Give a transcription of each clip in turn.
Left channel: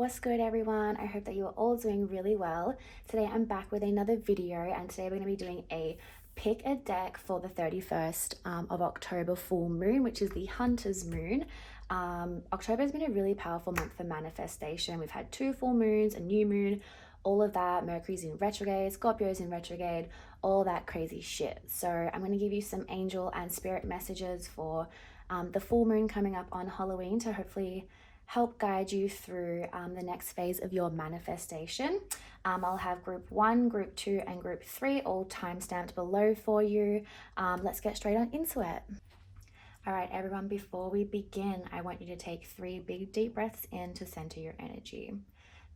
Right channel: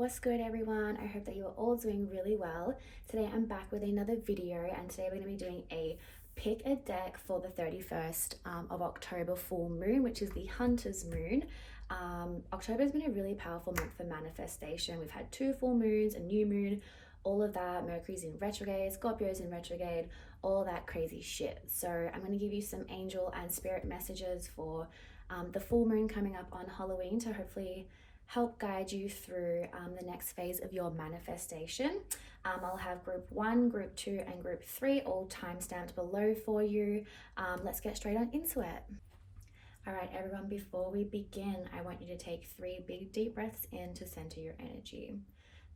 What's good, everyone? I hope that you are all doing really well. Today I'm back with another video, and today we're going to be doing a pick a deck for the 31st of October full moon, which is the Hunter's moon. October has been a really powerful month for manifestation. We've had 2 full moons, a new moon, all of that. Mercury's in retrograde, Scorpio's in retrograde, all that crazy shit. So I'm going to give you some angel and spirit messages for the full moon coming up on Halloween to hopefully help guide you through the next phase of your manifestation. I'll have group 1, group 2, and group 3 all time-stamped below for you. Let's get straight on into it. All right, everyone, before we begin, I want you to take 3 big deep breaths in to center your energy.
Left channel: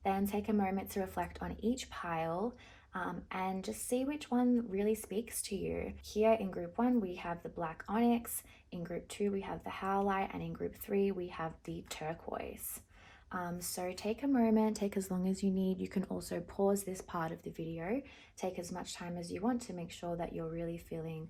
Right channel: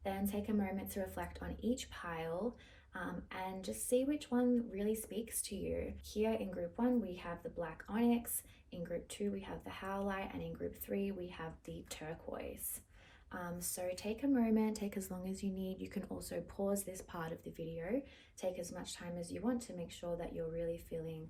Then take a moment to reflect on each pile and just see which one really speaks to you. Here in group 1, we have the black onyx. In group 2, we have the howlite, and in group 3, we have the turquoise. So take a moment, take as long as you need. You can also pause this part of the video, take as much time as you want to make sure that you're really feeling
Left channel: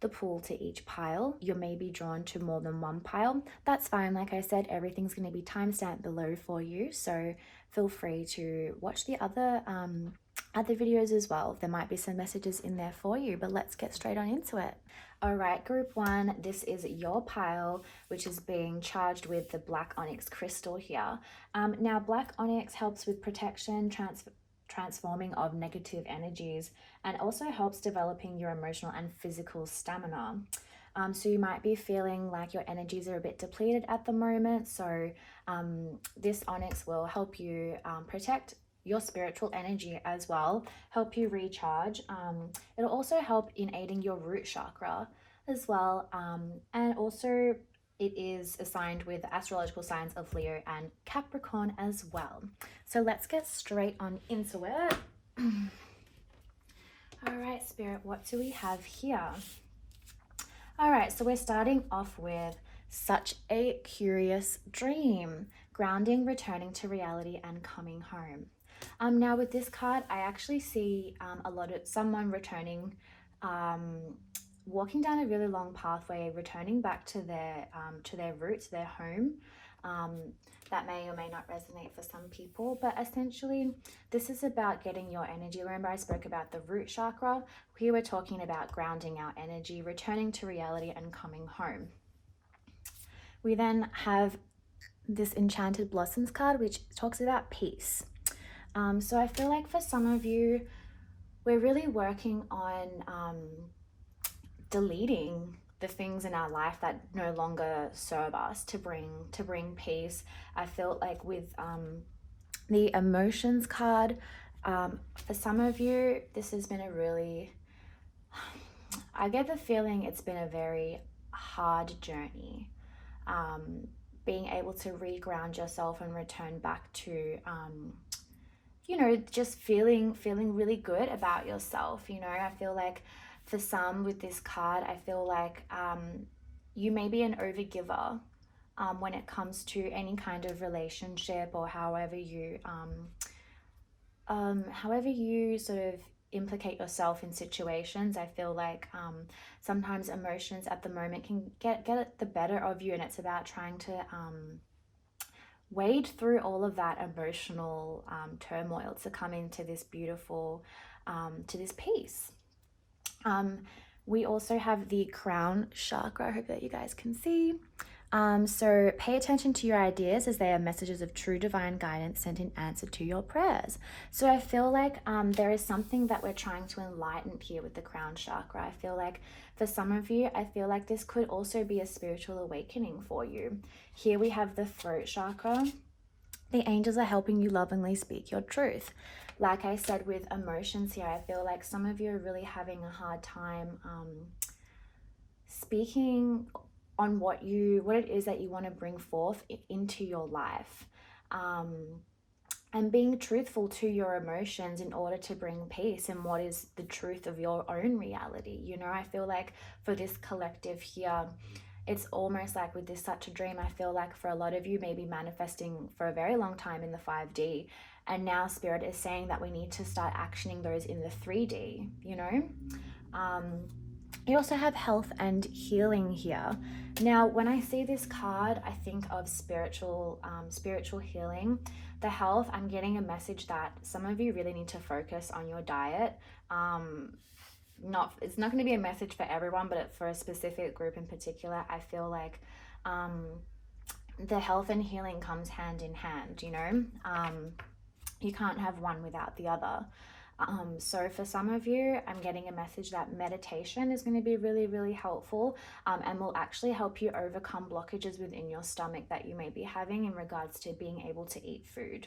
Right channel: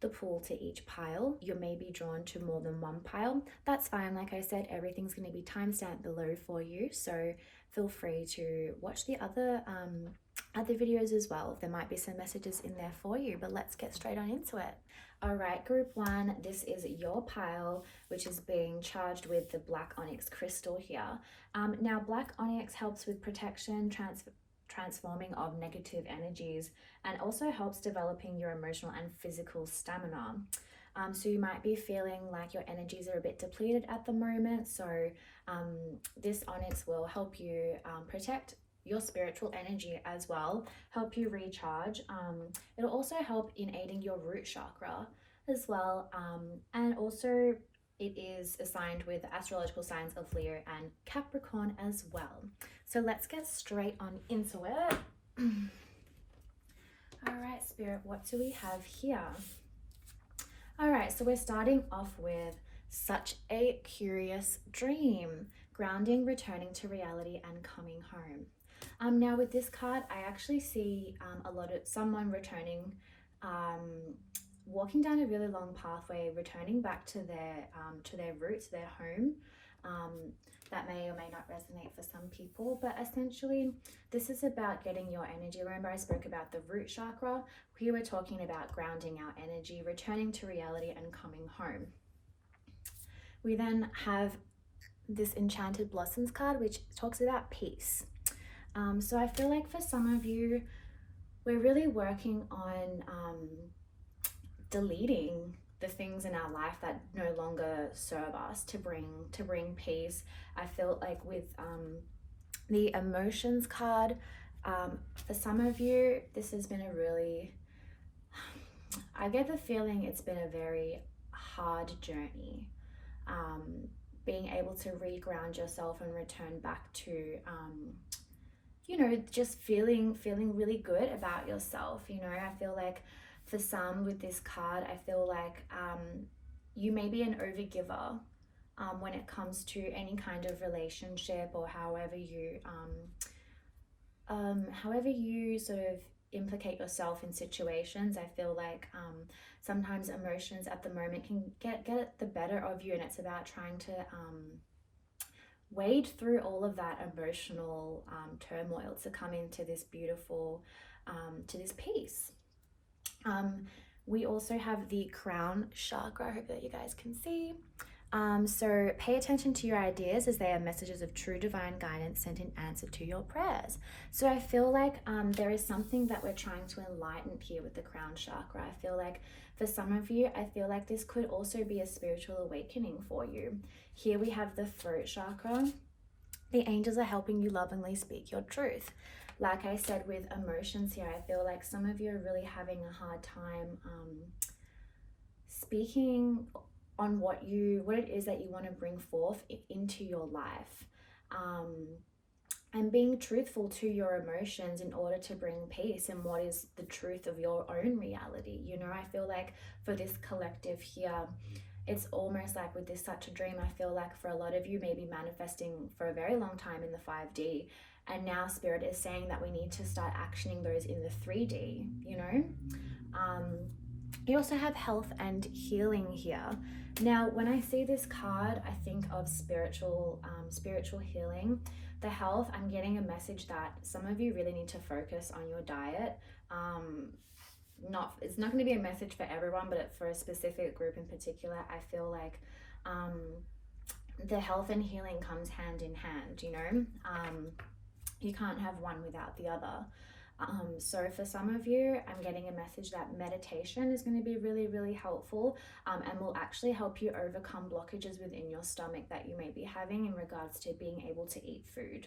the pull to each pile. You may be drawn to more than one pile. That's fine. Like I said, everything's going to be timestamped below for you, so feel free to watch the other videos as well. There might be some messages in there for you, but let's get straight on into it. All right, group 1, this is your pile, which is being charged with the black onyx crystal here. Now, black onyx helps with protection, transforming of negative energies, and also helps developing your emotional and physical stamina. So you might be feeling like your energies are a bit depleted at the moment. So this onyx will help you protect your spiritual energy as well, help you recharge. It'll also help in aiding your root chakra as well. And also it is assigned with astrological signs of Leo and Capricorn as well. So let's get straight on into it. All right, Spirit, what do we have here? All right, so we're starting off with such a curious dream, grounding, returning to reality, and coming home. Now with this card, I actually see a lot of someone returning, walking down a really long pathway, returning back to their roots, their home. That may or may not resonate for some people, but essentially this is about getting your energy. Remember, I spoke about the root chakra. Here we're talking about grounding our energy, returning to reality, and coming home. We then have this Enchanted Blossoms card, which talks about peace. So I feel like for some of you, we're really working on deleting the things in our life that no longer serve us to bring peace. I feel like with the emotions card, for some of you, this has been a really, I get the feeling it's been a very hard journey. Being able to reground yourself and return back to just feeling really good about yourself. I feel like for some with this card, I feel like you may be an overgiver when it comes to any kind of relationship, or however you sort of implicate yourself in situations. I feel like sometimes emotions at the moment can get the better of you, and it's about trying to wade through all of that emotional turmoil to come into this beautiful, to this peace. We also have the crown chakra. I hope that you guys can see. So pay attention to your ideas, as they are messages of true divine guidance sent in answer to your prayers. So I feel like there is something that we're trying to enlighten here with the crown chakra. I feel like for some of you, I feel like this could also be a spiritual awakening for you. Here we have the throat chakra. The angels are helping you lovingly speak your truth. Like I said with emotions here, I feel like some of you are really having a hard time speaking on what it is that you want to bring forth into your life, and being truthful to your emotions in order to bring peace in what is the truth of your own reality. I feel like for this collective here, it's almost like with this such a dream, I feel like for a lot of you may be manifesting for a very long time in the 5D, and now Spirit is saying that we need to start actioning those in the 3D. You also have health and healing here. Now, when I see this card, I think of spiritual healing. The health, I'm getting a message that some of you really need to focus on your diet. It's not going to be a message for everyone, but for a specific group in particular, I feel like the health and healing comes hand in hand, you know. You can't have one without the other. So for some of you, I'm getting a message that meditation is going to be really, really helpful, and will actually help you overcome blockages within your stomach that you may be having in regards to being able to eat food,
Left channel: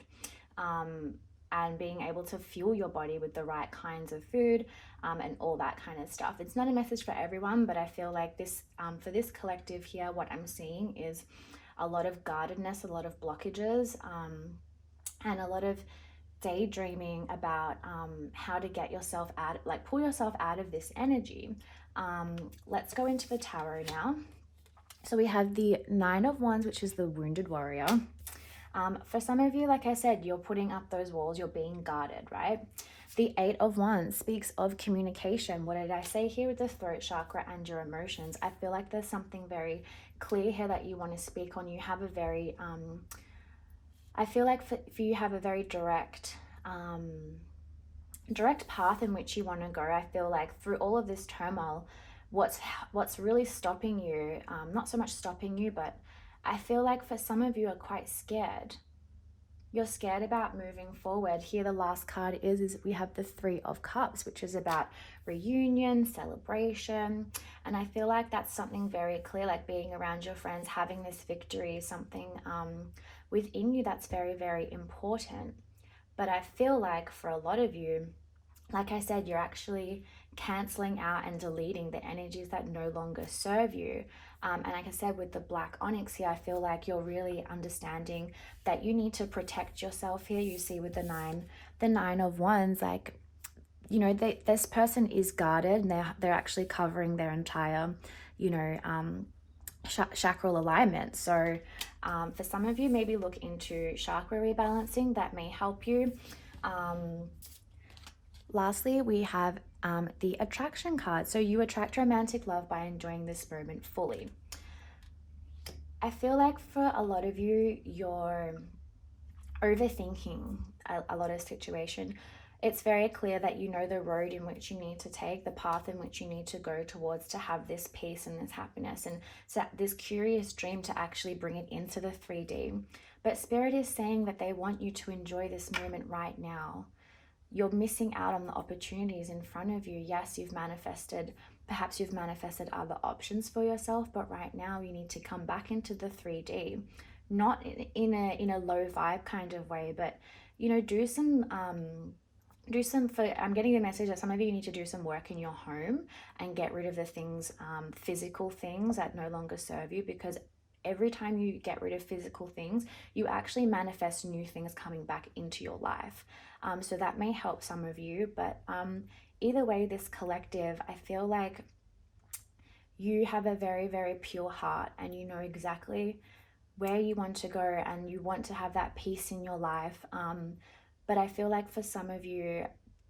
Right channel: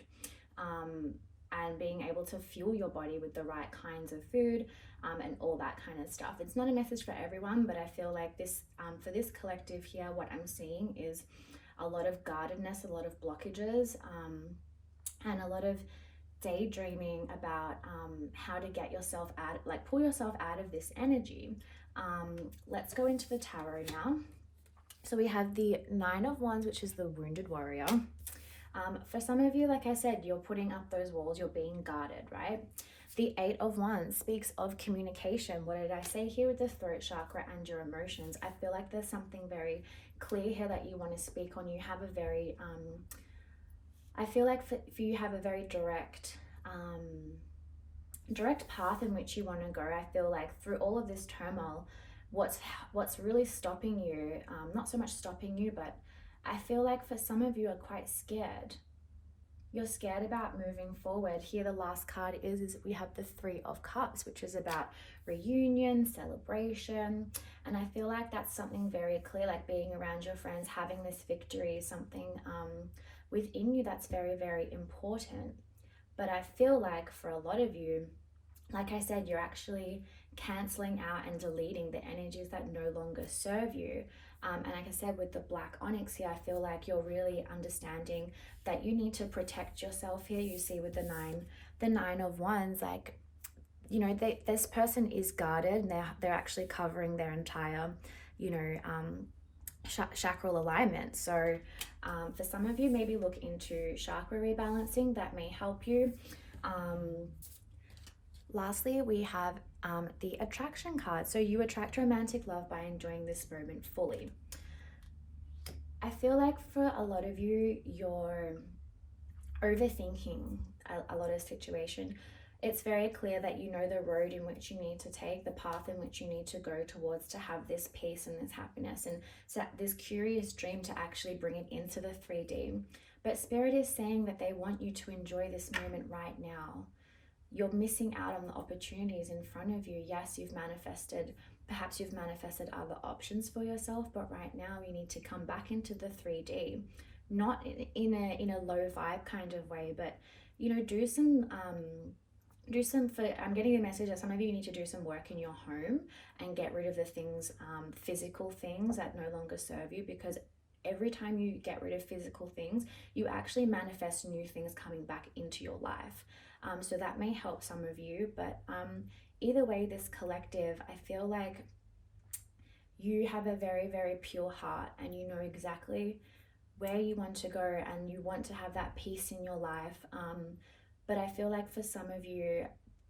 and being able to fuel your body with the right kinds of food, and all that kind of stuff. It's not a message for everyone, but I feel like this, for this collective here, what I'm seeing is a lot of guardedness, a lot of blockages, and a lot of daydreaming about how to get yourself out, like pull yourself out of this energy. Let's go into the tarot now. So we have the Nine of Wands, which is the Wounded Warrior. For some of you, like I said, you're putting up those walls, you're being guarded, right? The Eight of Wands speaks of communication. What did I say here with the throat chakra and your emotions? I feel like there's something very clear here that you want to speak on. You have a very I feel like for you have a very direct path in which you want to go. I feel like through all of this turmoil, what's really stopping you, not so much stopping you, but I feel like for some of you are quite scared. You're scared about moving forward. Here the last card is we have the Three of Cups, which is about reunion, celebration, and I feel like that's something very clear, like being around your friends, having this victory, something within you that's very, very important. But I feel like for a lot of you, like I said, you're actually canceling out and deleting the energies that no longer serve you. And like I said, with the Black Onyx here, I feel like you're really understanding that you need to protect yourself here. You see with the Nine of Wands, like, you know, this person is guarded, and they're actually covering their entire, you know, chakral alignment. So for some of you, maybe look into chakra rebalancing. That may help you. Lastly, we have the attraction card. So you attract romantic love by enjoying this moment fully. I feel like for a lot of you, you're overthinking a lot of situation. It's very clear that you know the road in which you need to take, the path in which you need to go towards to have this peace and this happiness, and so this curious dream to actually bring it into the 3D. But Spirit is saying that they want you to enjoy this moment right now. You're missing out on the opportunities in front of you. Yes, perhaps you've manifested other options for yourself, but right now you need to come back into the 3D, not in a low vibe kind of way, but, you know, I'm getting the message that some of you need to do some work in your home and get rid of the things, physical things that no longer serve you, because every time you get rid of physical things, you actually manifest new things coming back into your life. So that may help some of you, but either way, this collective, I feel like you have a very, very pure heart, and you know exactly where you want to go, and you want to have that peace in your life. But I feel like for some of you,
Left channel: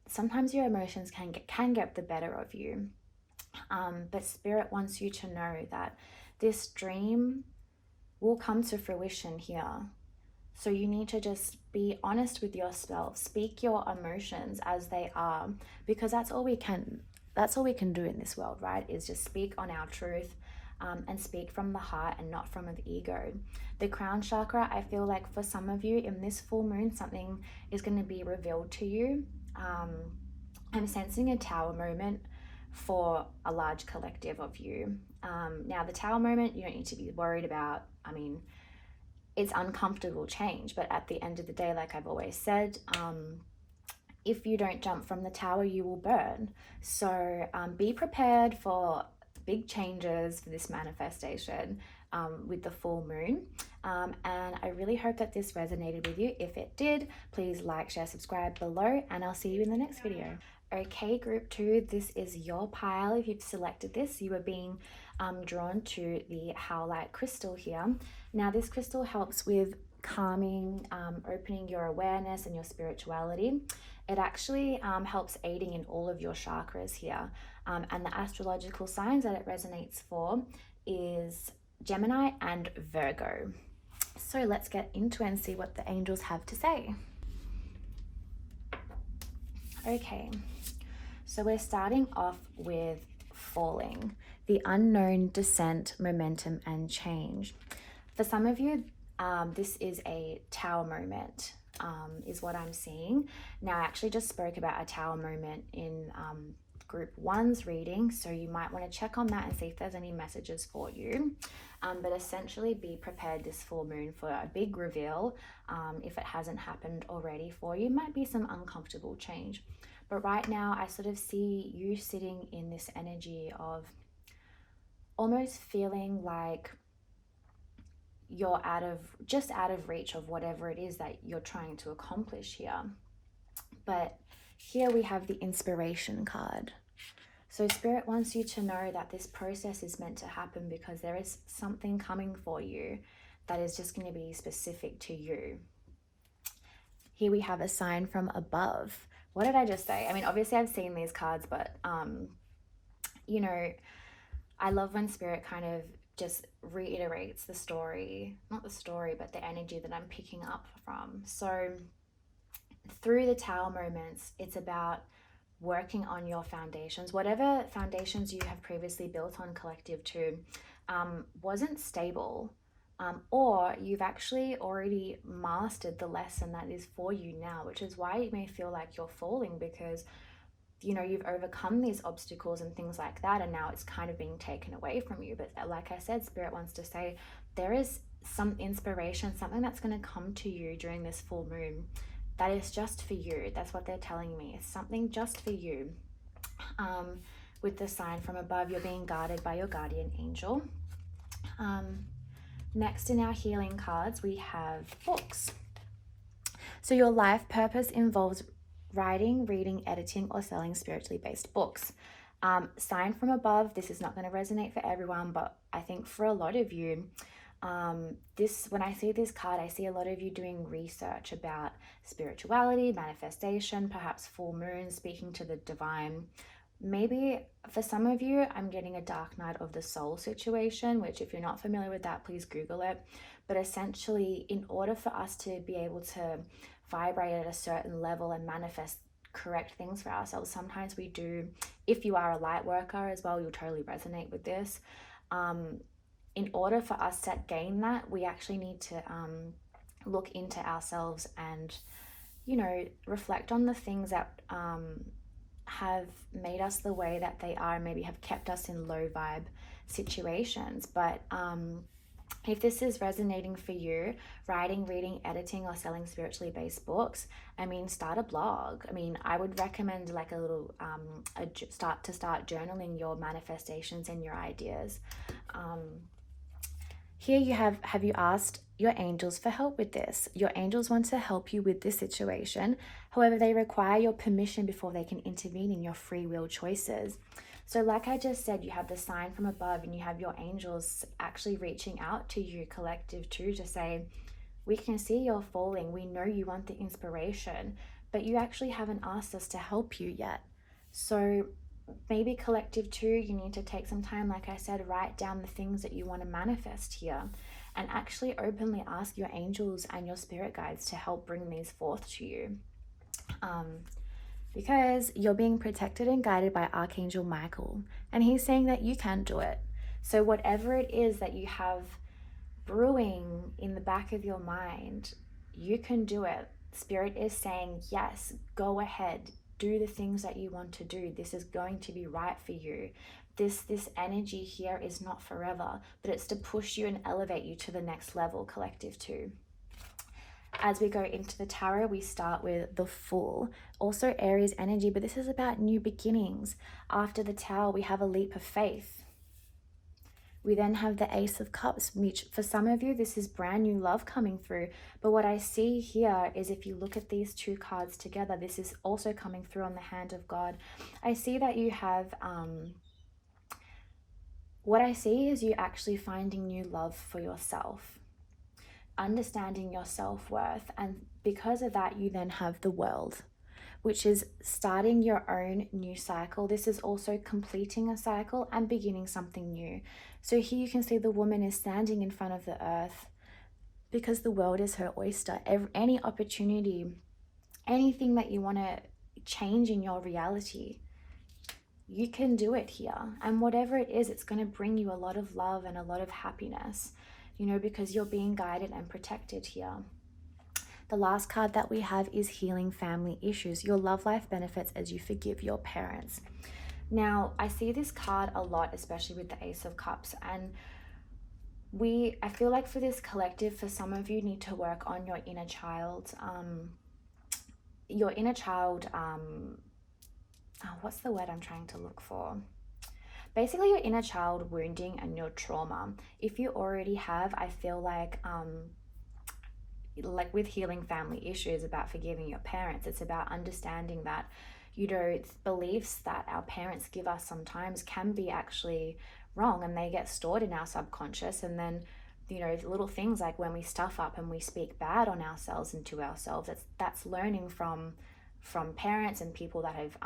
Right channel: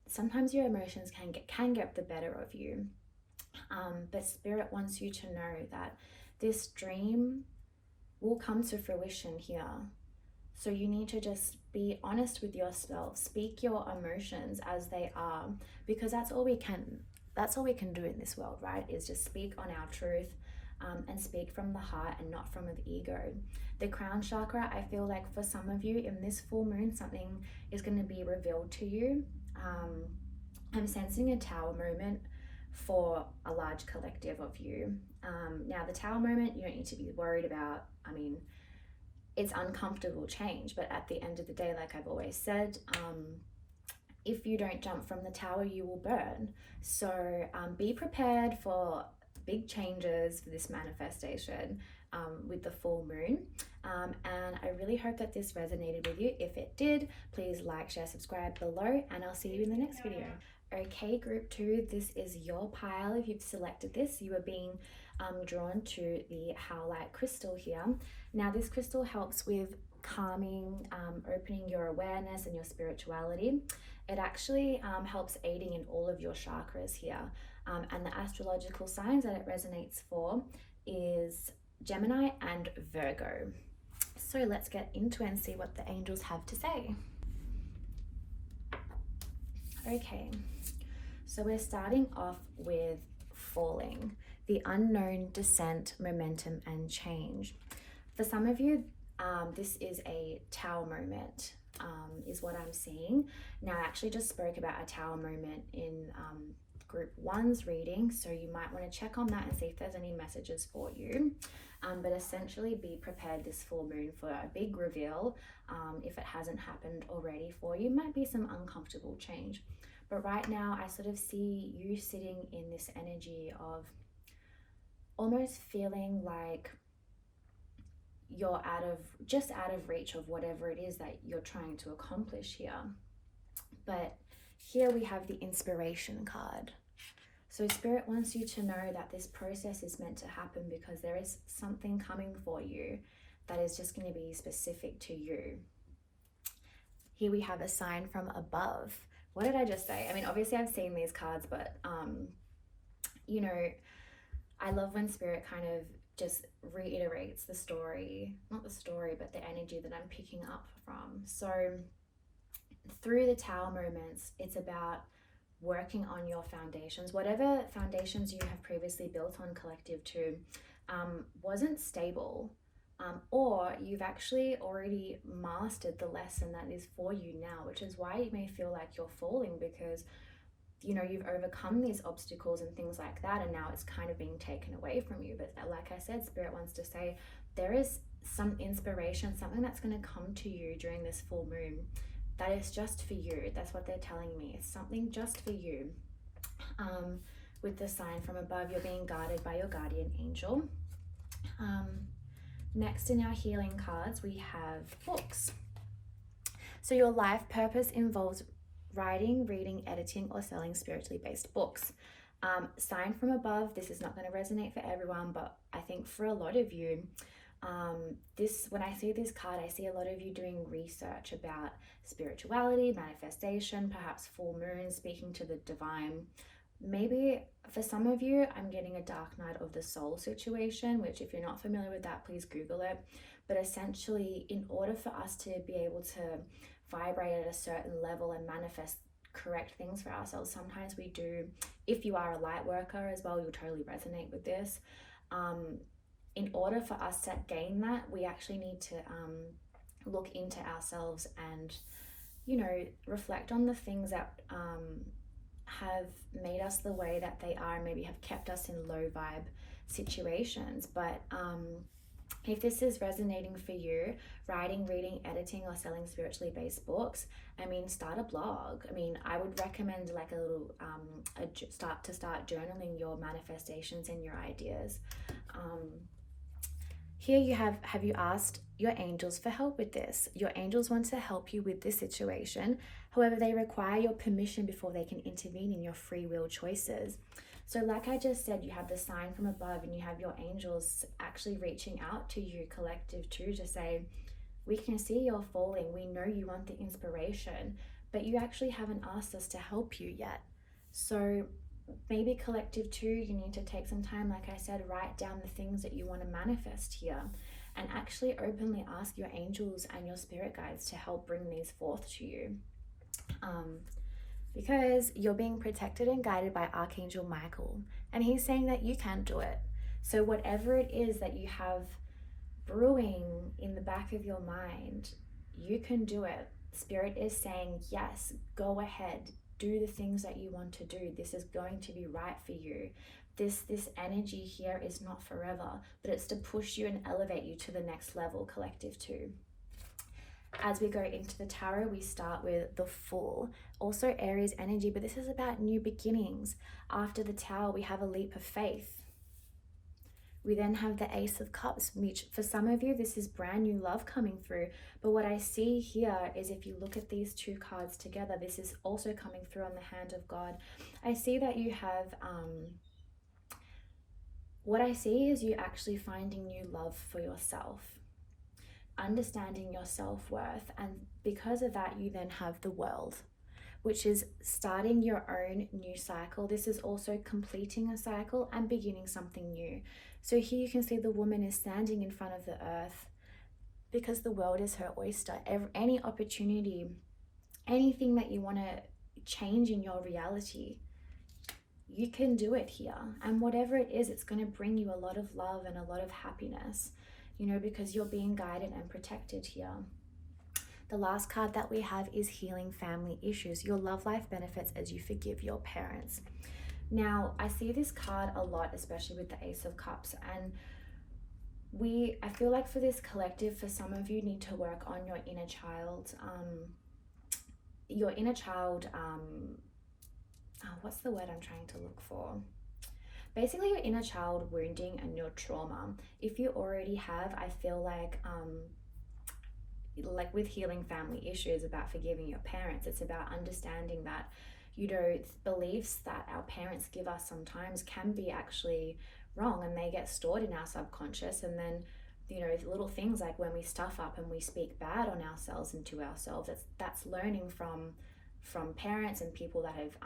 sometimes your emotions can get the better of you. But Spirit wants you to know that this dream will come to fruition here. So you need to just be honest with yourself, speak your emotions as they are, because that's all we can do in this world, right? Is just speak on our truth, and speak from the heart and not from the ego. The crown chakra, I feel like for some of you in this full moon, something is going to be revealed to you. I'm sensing a tower moment for a large collective of you. Now the tower moment, you don't need to be worried about. I mean, it's uncomfortable change, but at the end of the day, like I've always said, if you don't jump from the tower, you will burn. So be prepared for big changes for this manifestation with the full moon. And I really hope that this resonated with you. If it did, please like, share, subscribe below, and I'll see you in the next video. Okay, group 2, this is your pile. If you've selected this, you are being drawn to the Howlite crystal here. Now this crystal helps with calming, opening your awareness and your spirituality. It actually helps aiding in all of your chakras here. And the astrological signs that it resonates for is Gemini and Virgo. So let's get into it and see what the angels have to say. Okay, so we're starting off with falling, the unknown descent, momentum, and change. For some of you, this is a tower moment, is what I'm seeing. Now, I actually just spoke about a tower moment in group 1's reading, so you might want to check on that and see if there's any messages for you. But essentially, be prepared this full moon for a big reveal. If it hasn't happened already for you, might be some uncomfortable change. But right now, I sort of see you sitting in this energy of almost feeling like you're out of reach of whatever it is that you're trying to accomplish here. But here we have the inspiration card. So Spirit wants you to know that this process is meant to happen because there is something coming for you that is just going to be specific to you. Here we have a sign from above. What did I just say? I mean, obviously I've seen these cards, but you know, I love when Spirit kind of just reiterates the story, not the story, but the energy that I'm picking up from. So through the tower moments, it's about working on your foundations. Whatever foundations you have previously built on Collective 2 wasn't stable, or you've actually already mastered the lesson that is for you now, which is why you may feel like you're falling, because you know you've overcome these obstacles and things like that, and now it's kind of being taken away from you. But like I said, Spirit wants to say there is some inspiration, something that's going to come to you during this full moon that is just for you. That's what they're telling me. It's something just for you. With the sign from above, you're being guarded by your guardian angel. Next in our healing cards, we have books. So your life purpose involves writing, reading, editing, or selling spiritually based books. Sign from above, this is not going to resonate for everyone, but I think for a lot of you, when I see this card, I see a lot of you doing research about spirituality, manifestation, perhaps full moon, speaking to the divine. Maybe for some of you, I'm getting a dark night of the soul situation, which if you're not familiar with that, please Google it. But essentially, in order for us to be able to vibrate at a certain level and manifest correct things for ourselves, sometimes we do, if you are a light worker as well, you'll totally resonate with this. In order for us to gain that, we actually need to look into ourselves and, you know, reflect on the things that have made us the way that they are, and maybe have kept us in low vibe situations. But if this is resonating for you, writing, reading, editing, or selling spiritually based books, I mean, start a blog. I mean, I would recommend like a little start journaling your manifestations and your ideas. Here you have you asked your angels for help with this? Your angels want to help you with this situation. However, they require your permission before they can intervene in your free will choices. So like I just said, you have the sign from above and you have your angels actually reaching out to you, Collective 2, to say, we can see you're falling. We know you want the inspiration, but you actually haven't asked us to help you yet. So maybe Collective 2, you need to take some time, like I said, write down the things that you want to manifest here and actually openly ask your angels and your spirit guides to help bring these forth to you. Because you're being protected and guided by Archangel Michael, and he's saying that you can do it. So whatever it is that you have brewing in the back of your mind, you can do it. Spirit is saying, yes, go ahead, do the things that you want to do. This is going to be right for you. This energy here is not forever, but it's to push you and elevate you to the next level, Collective 2. As we go into the tarot, we start with the Fool, also Aries energy, but this is about new beginnings. After the Tower, we have a leap of faith. We then have the Ace of Cups, which for some of you, this is brand new love coming through. But what I see here is if you look at these two cards together, this is also coming through on the hand of God. I see that you have, what I see is you actually finding new love for yourself. understanding your self-worth, and because of that you then have the world, which is starting your own new cycle. This is also completing a cycle and beginning something new. So here you can see the woman is standing in front of the earth because the world is her oyster. Any opportunity, anything that you want to change in your reality, you can do it here. And whatever it is, it's going to bring you a lot of love and a lot of happiness, you know, because you're being guided and protected here. The last card that we have is healing family issues. Your love life benefits as you forgive your parents. Now, I see this card a lot, especially with the Ace of Cups, and I feel like for this collective, for some of you, need to work on your inner child. What's the word I'm trying to look for? Basically, your inner child wounding and your trauma. If you already have, I feel like with healing family issues, about forgiving your parents, it's about understanding that, you know, beliefs that our parents give us sometimes can be actually wrong, and they get stored in our subconscious. And then, you know, little things like when we stuff up and we speak bad on ourselves and to ourselves, that's learning from parents and people that have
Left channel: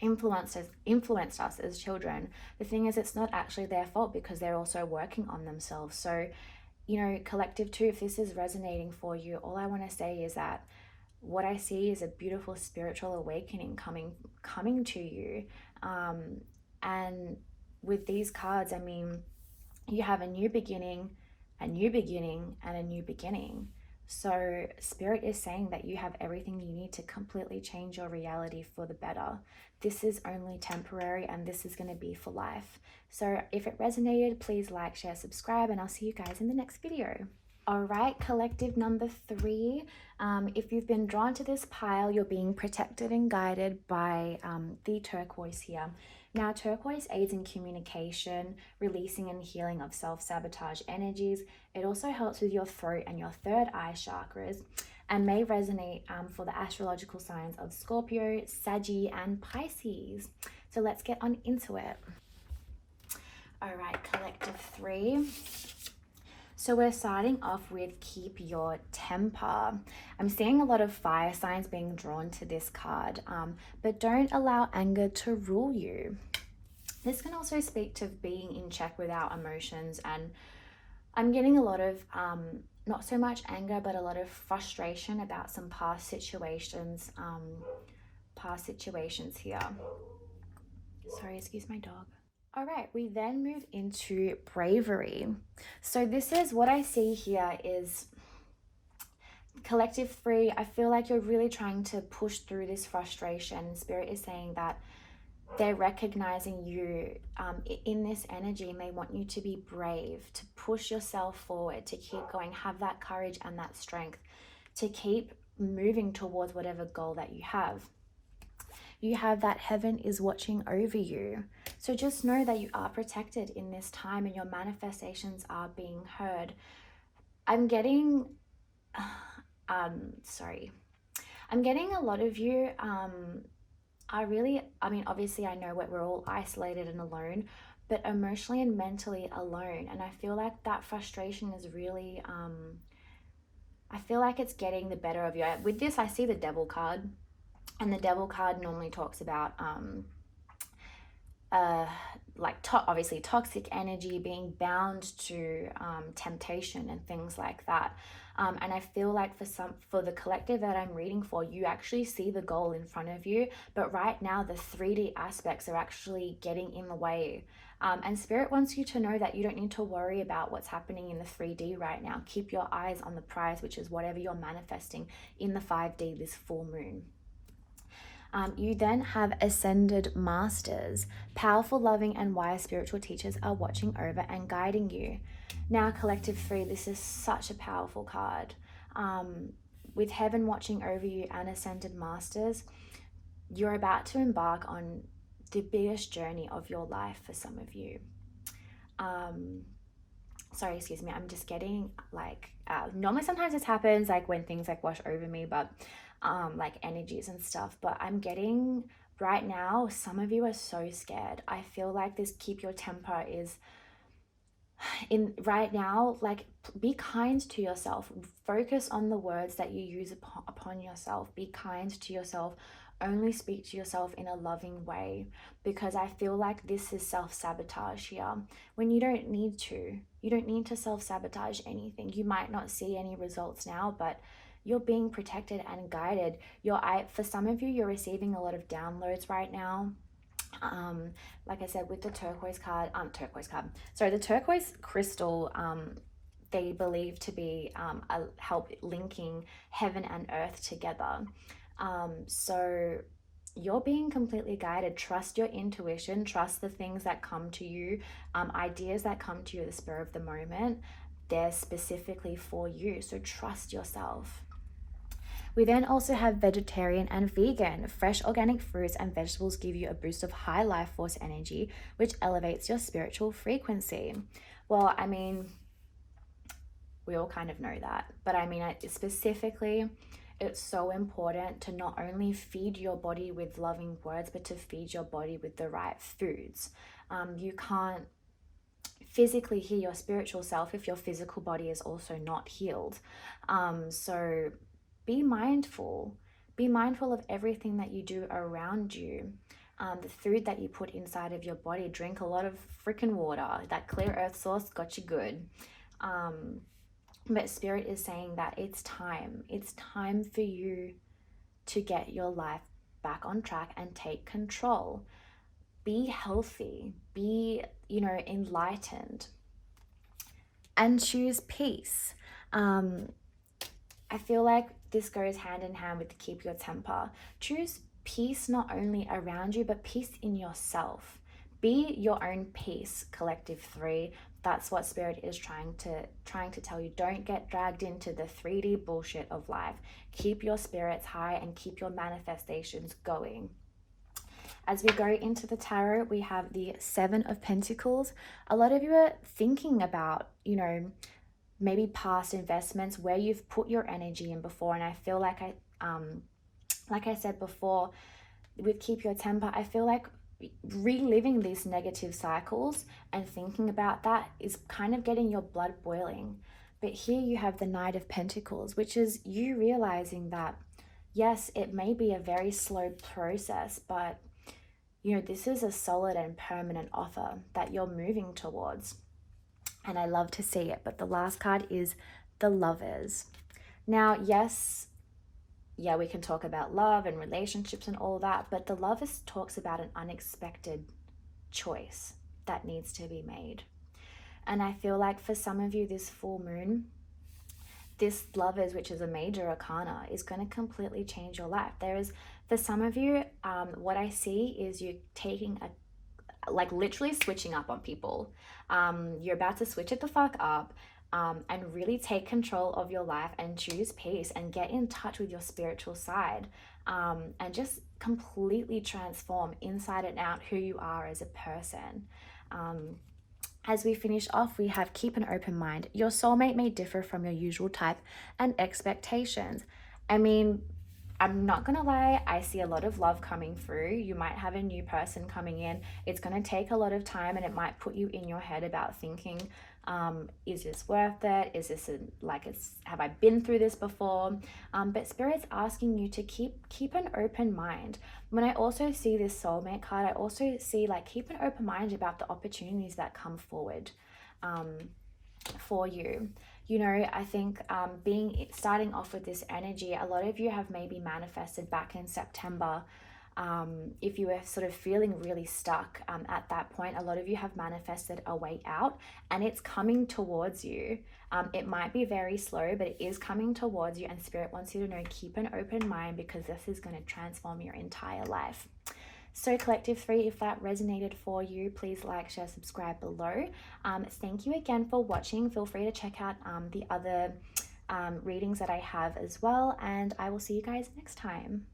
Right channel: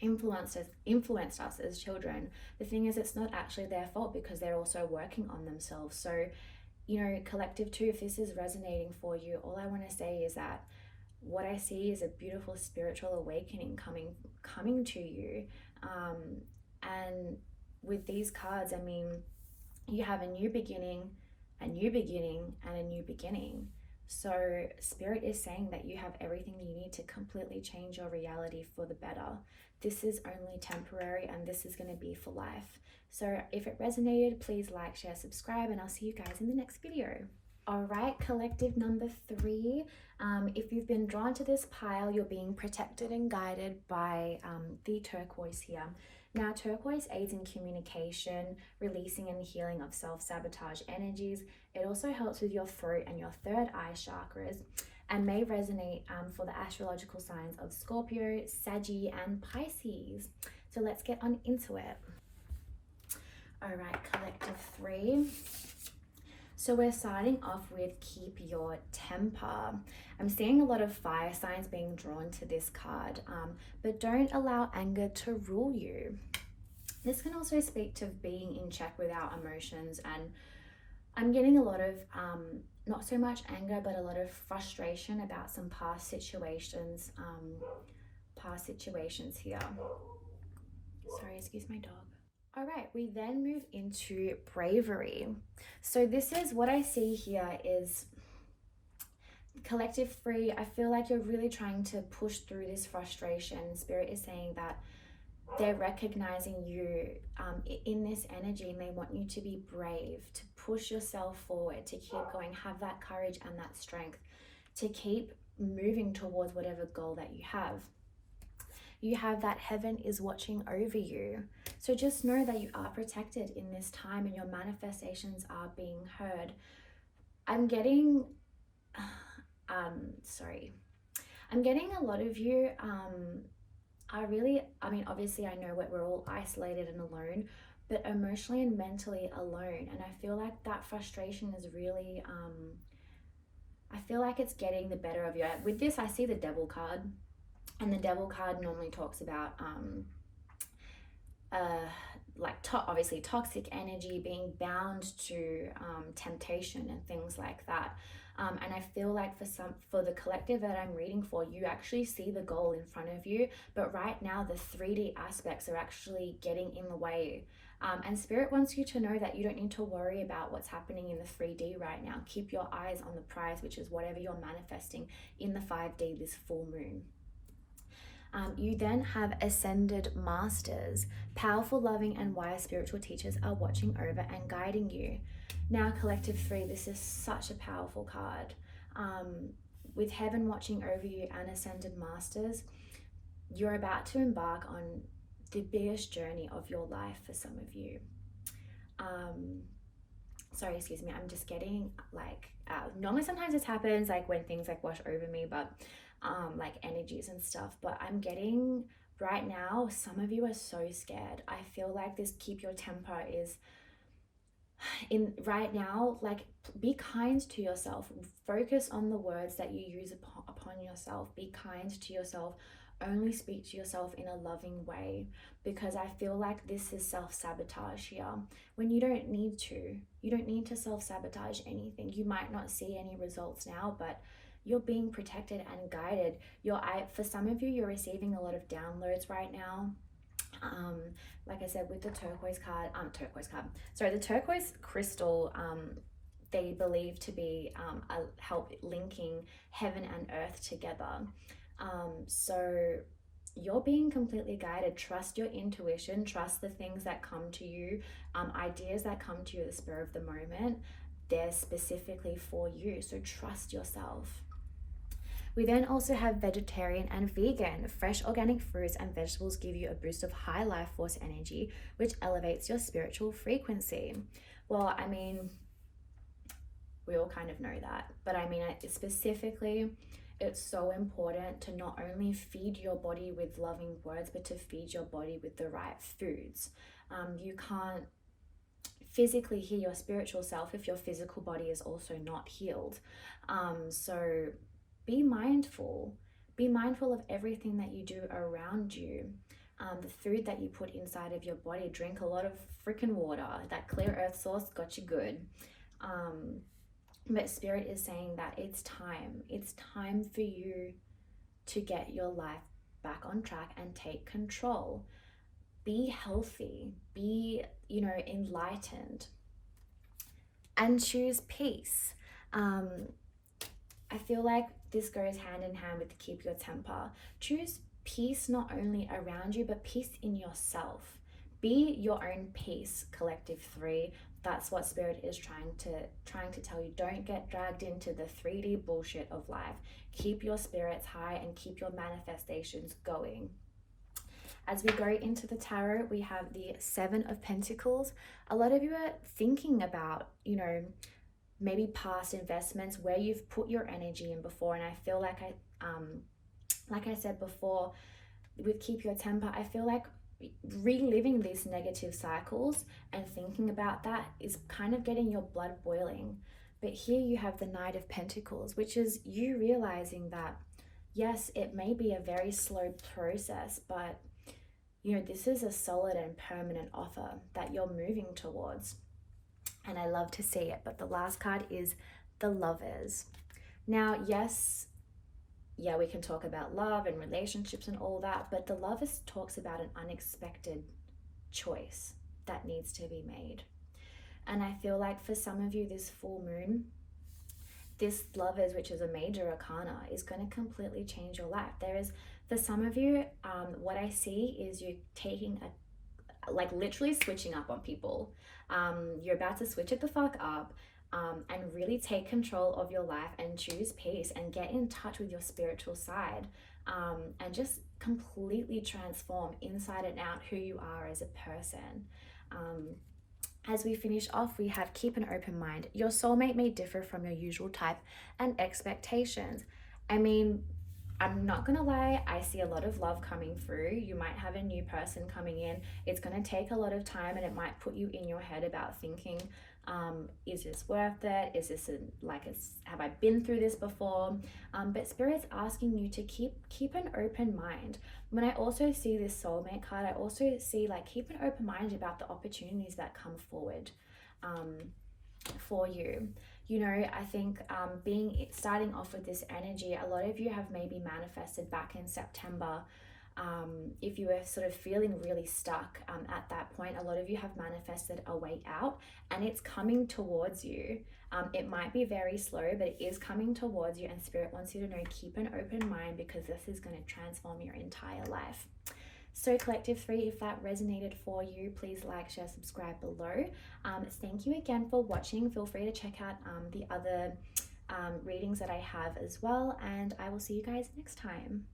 influenced us as children. The thing is, it's not actually their fault because they're also working on themselves. So, you know, collective too, if this is resonating for you, all I want to say is that what I see is a beautiful spiritual awakening coming to you. And with these cards, I mean, you have a new beginning, a new beginning, and a new beginning. So Spirit is saying that you have everything you need to completely change your reality for the better. This is only temporary, and this is going to be for life. So if it resonated, please like, share, subscribe, and I'll see you guys in the next video. All right, collective number 3. If you've been drawn to this pile, you're being protected and guided by the turquoise here. Now, turquoise aids in communication, releasing and healing of self-sabotage energies. It also helps with your throat and your third eye chakras, and may resonate for the astrological signs of Scorpio, Saggy, and Pisces. So let's get on into it. All right, collective 3. So we're starting off with keep your temper. I'm seeing a lot of fire signs being drawn to this card, but don't allow anger to rule you. This can also speak to being in check with our emotions, and I'm getting a lot of not so much anger, but a lot of frustration about some past situations here. Sorry, excuse my dog. All right, we then move into bravery. So this is what I see here is collective 3. I feel like you're really trying to push through this frustration. Spirit is saying that they're recognizing you in this energy, and they want you to be brave, to push yourself forward, to keep going, have that courage and that strength to keep moving towards whatever goal that you have. You have that heaven is watching over you. So just know that you are protected in this time, and your manifestations are being heard. I'm getting, I'm getting a lot of you obviously I know we're all isolated and alone, but emotionally and mentally alone. And I feel like that frustration is really, I feel like it's getting the better of you. With this, I see the Devil card. And the Devil card normally talks about obviously toxic energy, being bound to temptation and things like that. And I feel like for the collective that I'm reading for, you actually see the goal in front of you, but right now the 3D aspects are actually getting in the way. And Spirit wants you to know that you don't need to worry about what's happening in the 3D right now. Keep your eyes on the prize, which is whatever you're manifesting in the 5D this full moon. You then have ascended masters. Powerful, loving, and wise spiritual teachers are watching over and guiding you. Now, collective 3, this is such a powerful card. With heaven watching over you and ascended masters, you're about to embark on the biggest journey of your life for some of you. Sorry, excuse me, I'm just getting normally sometimes this happens like when things like wash over me, but like energies and stuff, but I'm getting right now, some of you are so scared. I feel like this keep your temper is in right now, like, be kind to yourself. Focus on the words that you use upon yourself. Be kind to yourself. Only speak to yourself in a loving way, because I feel like this is self-sabotage here, when you don't need to. You don't need to self-sabotage anything. You might not see any results now, but you're being protected and guided. For some of you, you're receiving a lot of downloads right now. um like I said, with the the turquoise crystal, they believe to be a help linking heaven and earth together. So you're being completely guided. Trust your intuition, trust the things that come to you, ideas that come to you at the spur of the moment. They're specifically for you, so trust yourself. We then also have vegetarian and vegan. Fresh organic fruits and vegetables give you a boost of high life force energy, which elevates your spiritual frequency. Well, I mean, we all kind of know that, but I mean, specifically, it's so important to not only feed your body with loving words, but to feed your body with the right foods. You can't physically heal your spiritual self if your physical body is also not healed. So be mindful. Be mindful of everything that you do around you. The food that you put inside of your body. Drink a lot of freaking water. That clear earth source got you good. But Spirit is saying that it's time. It's time for you to get your life back on track and take control. Be healthy. Be, enlightened. And choose peace. I feel like this goes hand in hand with keep your temper. Choose peace not only around you, but peace in yourself. Be your own peace, Collective 3. That's what Spirit is trying to tell you. Don't get dragged into the 3D bullshit of life. Keep your spirits high and keep your manifestations going. As we go into the tarot, we have the 7 of Pentacles. A lot of you are thinking about, maybe past investments where you've put your energy in before. And I feel like I said before, with keep your temper, I feel like reliving these negative cycles and thinking about that is kind of getting your blood boiling. But here you have the Knight of Pentacles, which is you realizing that, yes, it may be a very slow process, but this is a solid and permanent offer that you're moving towards. And I love to see it. But the last card is the Lovers. Now, yes, we can talk about love and relationships and all that, but the Lovers talks about an unexpected choice that needs to be made. And I feel like for some of you, this full moon, this Lovers, which is a major arcana, is going to completely change your life. For some of you, what I see is you taking literally switching up on people. You're about to switch it the fuck up, and really take control of your life and choose peace and get in touch with your spiritual side, and just completely transform inside and out who you are as a person. As we finish off, we have keep an open mind. Your soulmate may differ from your usual type and expectations. I mean, I'm not gonna lie, I see a lot of love coming through. You might have a new person coming in. It's gonna take a lot of time, and it might put you in your head about thinking, is this worth it? Is this have I been through this before? But Spirit's asking you to keep an open mind. When I also see this soulmate card, I also see keep an open mind about the opportunities that come forward for you. I think starting off with this energy, a lot of you have maybe manifested back in September. If you were sort of feeling really stuck at that point, a lot of you have manifested a way out, and it's coming towards you. It might be very slow, but it is coming towards you, and Spirit wants you to know, keep an open mind, because this is going to transform your entire life. So Collective 3, if that resonated for you, please like, share, subscribe below. Thank you again for watching. Feel free to check out the other readings that I have as well, and I will see you guys next time.